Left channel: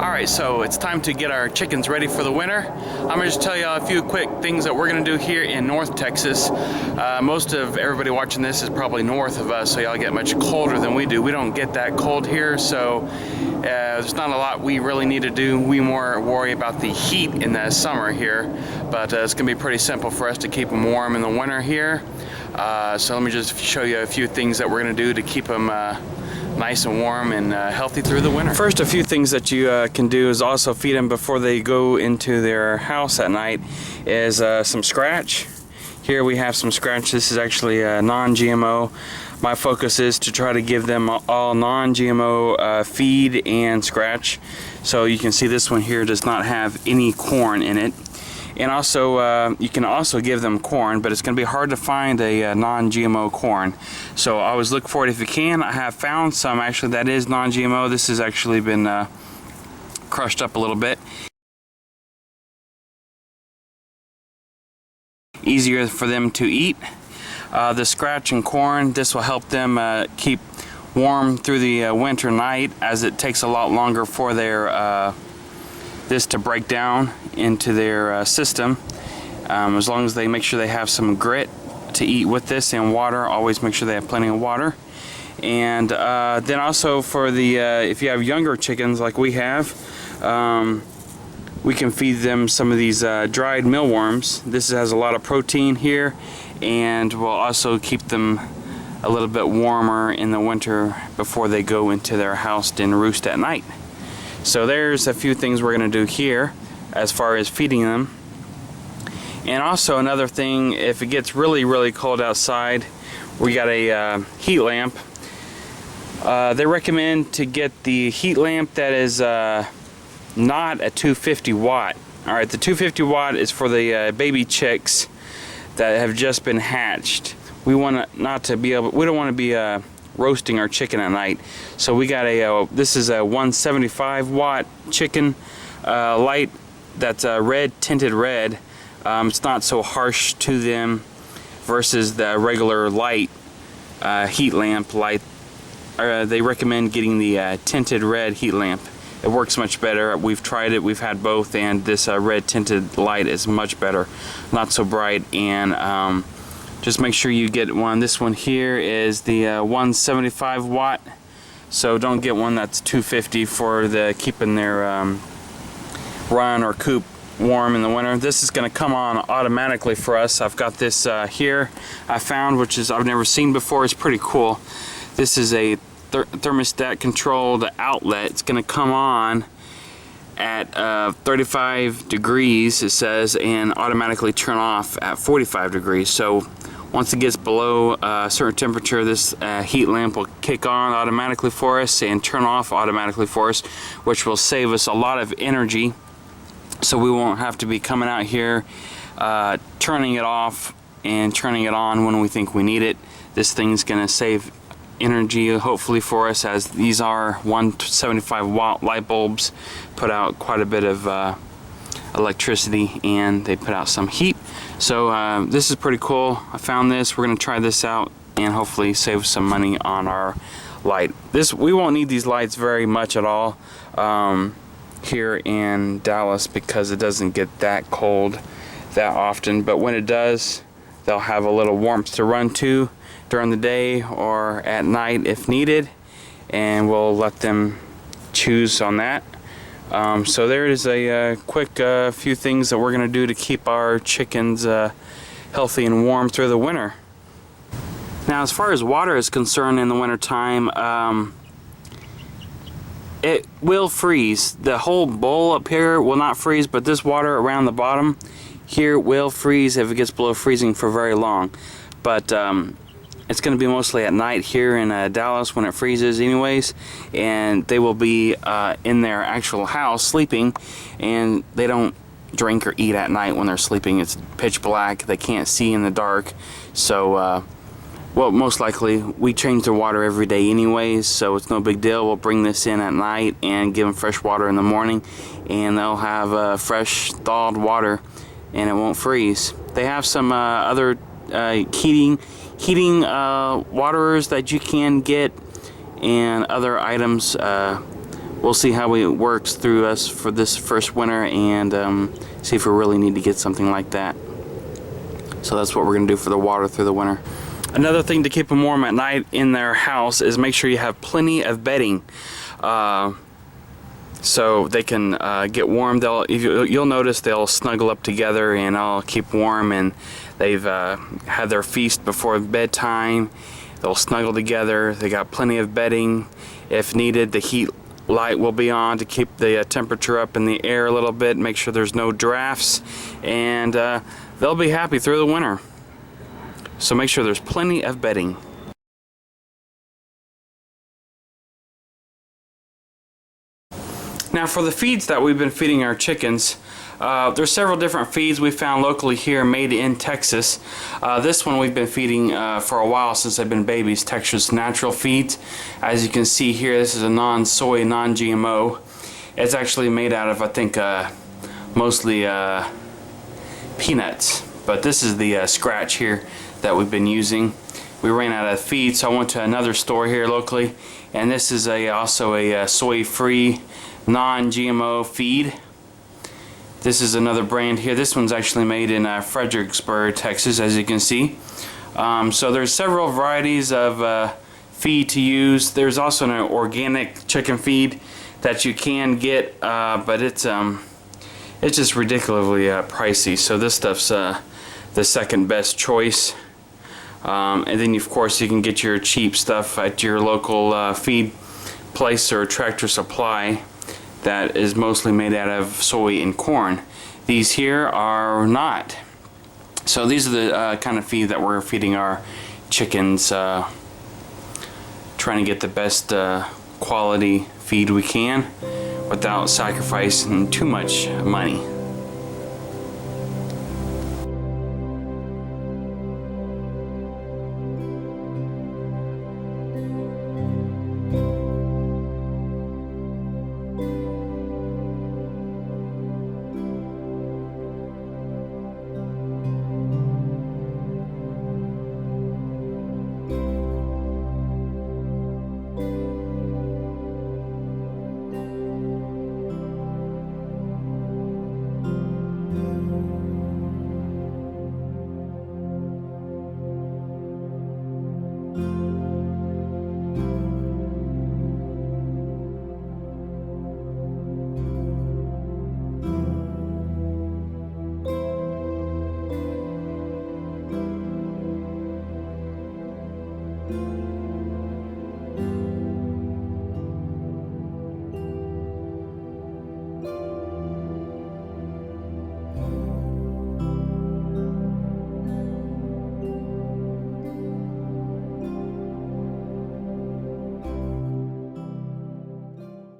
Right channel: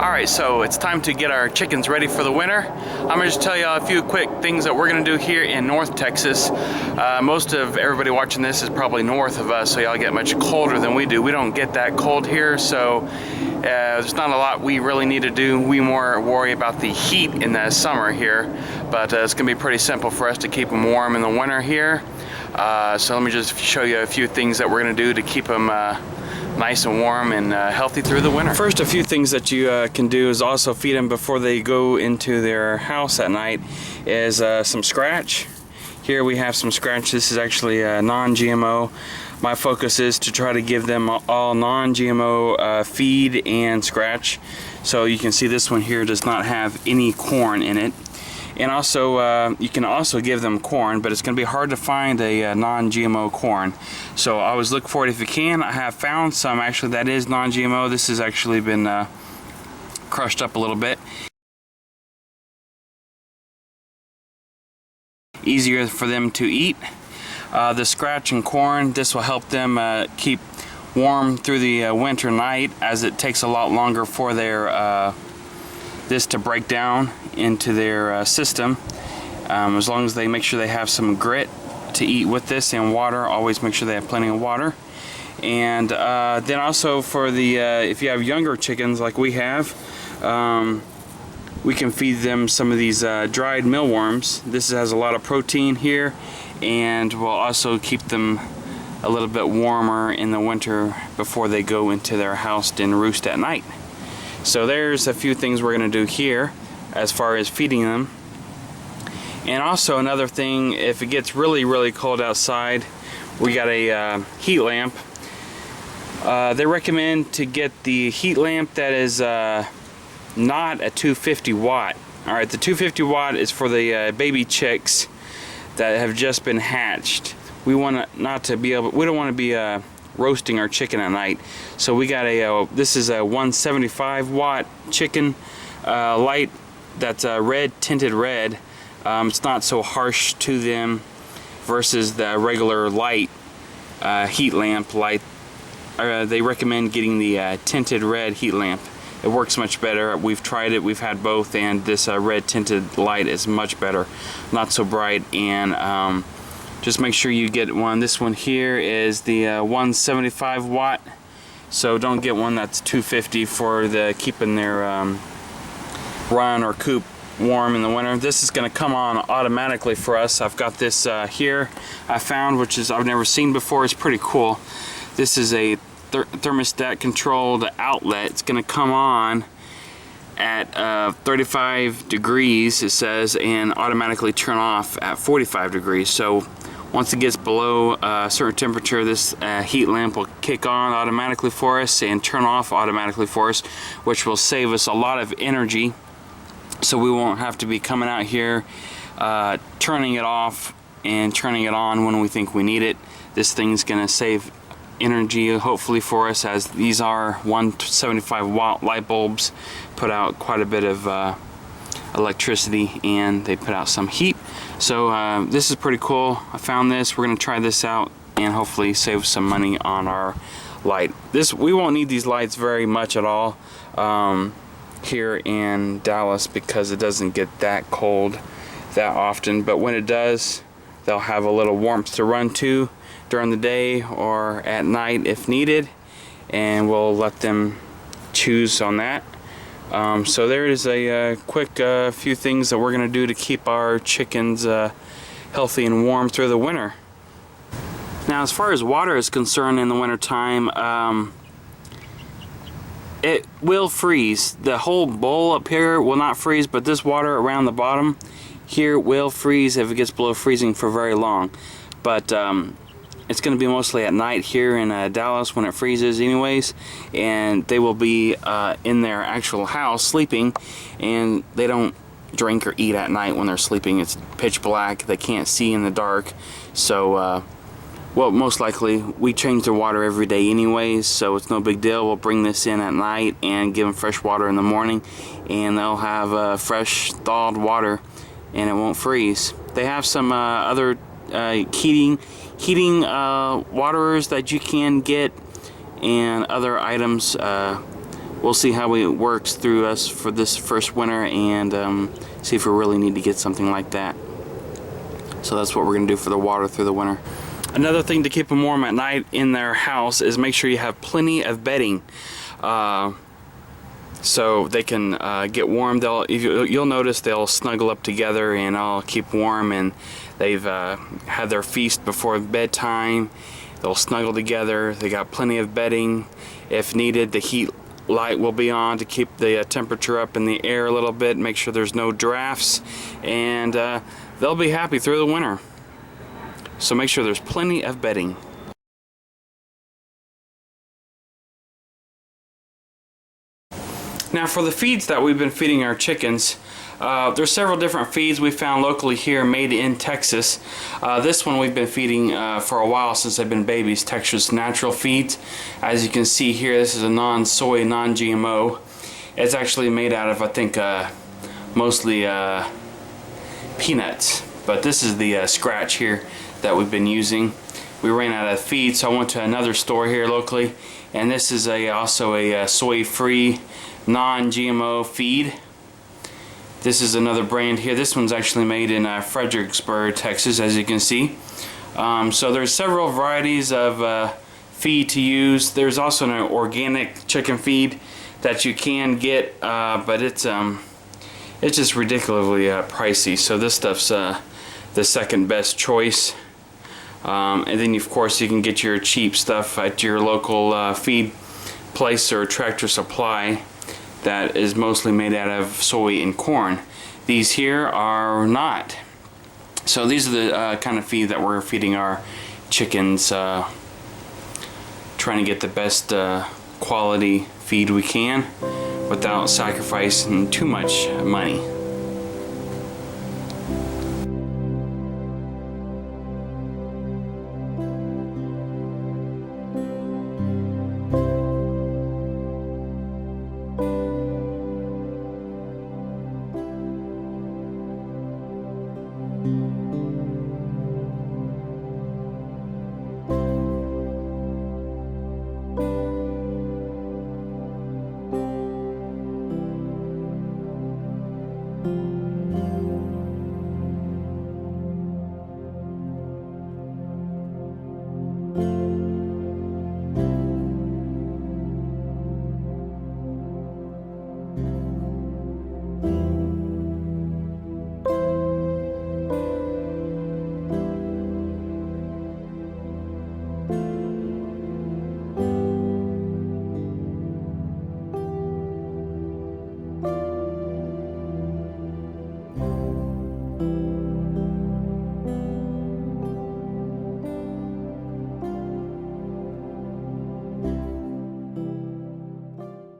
Alright, so it's time to get our chickens ready for the winter. I'm going to just tell you a few quick things that we're going to do here in North Texas. Most of everybody watching this is probably north of us, so y'all get much colder than we do. We don't get that cold here, so there's not a lot we really need to do. We more worry about the heat in the summer here, but it's going to be pretty simple for us to keep them warm in the winter here. So let me just show you a few things that we're going to do to keep them nice and warm and healthy through the winter. First, a few things that you can do is also feed them before they go into their house at night is some scratch. Here we have some scratch. This is actually non-GMO. My focus is to try to give them all non-GMO feed and scratch. So you can see this one here does not have any corn in it. And also, you can also give them corn, but it's going to be hard to find a non-GMO corn. So always look for it if you can. I have found some actually that is non-GMO. This has actually been crushed up a little bit. Easier for them to eat. The scratch and corn, this will help them keep warm through the winter night, as it takes a lot longer for their this to break down into their system. As long as they make sure they have some grit to eat with this and water, always make sure they have plenty of water. And then also for the if you have younger chickens like we have, we can feed them some of these dried mealworms. This has a lot of protein here and will also keep them a little bit warmer in the winter before they go into their house and roost at night. So there's a few things we're going to do here as far as feeding them. And also another thing, if it gets really cold outside, we got a heat lamp. They recommend to get the heat lamp that is not a 250 watt. Alright, the 250 watt is for the baby chicks that have just been hatched. We want we don't want to be roasting our chicken at night, so we got a this is a 175 watt chicken light that's red, tinted red. It's not so harsh to them versus the regular light heat lamp light. They recommend getting the tinted red heat lamp. It works much better. We've tried it, we've had both, and this red tinted light is much better, not so bright. And just make sure you get one. This one here is the 175 watt, so don't get one that's 250 for the keeping their run or coop warm in the winter. This is going to come on automatically for us. I've got this here I found, which is I've never seen before. It's pretty cool. This is a thermostat controlled outlet. It's going to come on at 35 degrees, it says, and automatically turn off at 45 degrees. So once it gets below a certain temperature, this heat lamp will kick on automatically for us and turn off automatically for us, which will save us a lot of energy. So we won't have to be coming out here turning it off and turning it on when we think we need it. This thing's going to save energy hopefully for us, as these are 175 watt light bulbs, put out quite a bit of electricity, and they put out some heat. So this is pretty cool. I found this. We're going to try this out and hopefully save some money on our light. We won't need these lights very much at all here in Dallas, because it doesn't get that cold that often, but when it does, they'll have a little warmth to run to during the day or at night if needed, and we'll let them choose on that. So there is a quick few things that we're going to do to keep our chickens healthy and warm through the winter. Now, as far as water is concerned in the winter time, it will freeze. The whole bowl up here will not freeze, but this water around the bottom here will freeze if it gets below freezing for very long. But it's going to be mostly at night here in Dallas when it freezes anyways, and they will be in their actual house sleeping, and they don't drink or eat at night when they're sleeping. It's pitch black, they can't see in the dark. So well, most likely we change their water every day anyways, so it's no big deal. We'll bring this in at night and give them fresh water in the morning, and they'll have fresh thawed water and it won't freeze. They have some other heating waterers that you can get, and other items we'll see how it works through us for this first winter, and see if we really need to get something like that. So that's what we're going to do for the water through the winter. Another thing to keep them warm at night in their house is make sure you have plenty of bedding, so they can get warm. You'll notice they'll snuggle up together and all keep warm, and they've had their feast before bedtime. They'll snuggle together. They got plenty of bedding. If needed, the heat light will be on to keep the temperature up in the air a little bit, make sure there's no drafts, and they'll be happy through the winter. So make sure there's plenty of bedding. Now for the feeds that we've been feeding our chickens, there's several different feeds we found locally here made in Texas. This one we've been feeding for a while, since they've been babies, Texas Natural Feeds. As you can see here, this is a non-soy, non-GMO. It's actually made out of, I think, mostly peanuts. But this is the scratch here that we've been using. We ran out of feed, so I went to another store here locally, and this is also a soy-free, non-GMO feed. This is another brand here. This one's actually made in Fredericksburg, Texas, as you can see. So there's several varieties of feed to use. There's also an organic chicken feed that you can get, but it's just ridiculously pricey. So this stuff's the second best choice. And then of course you can get your cheap stuff at your local feed place or Tractor Supply that is mostly made out of soy and corn. These here are not. So these are the kind of feed that we're feeding our chickens, trying to get the best quality feed we can without sacrificing too much money.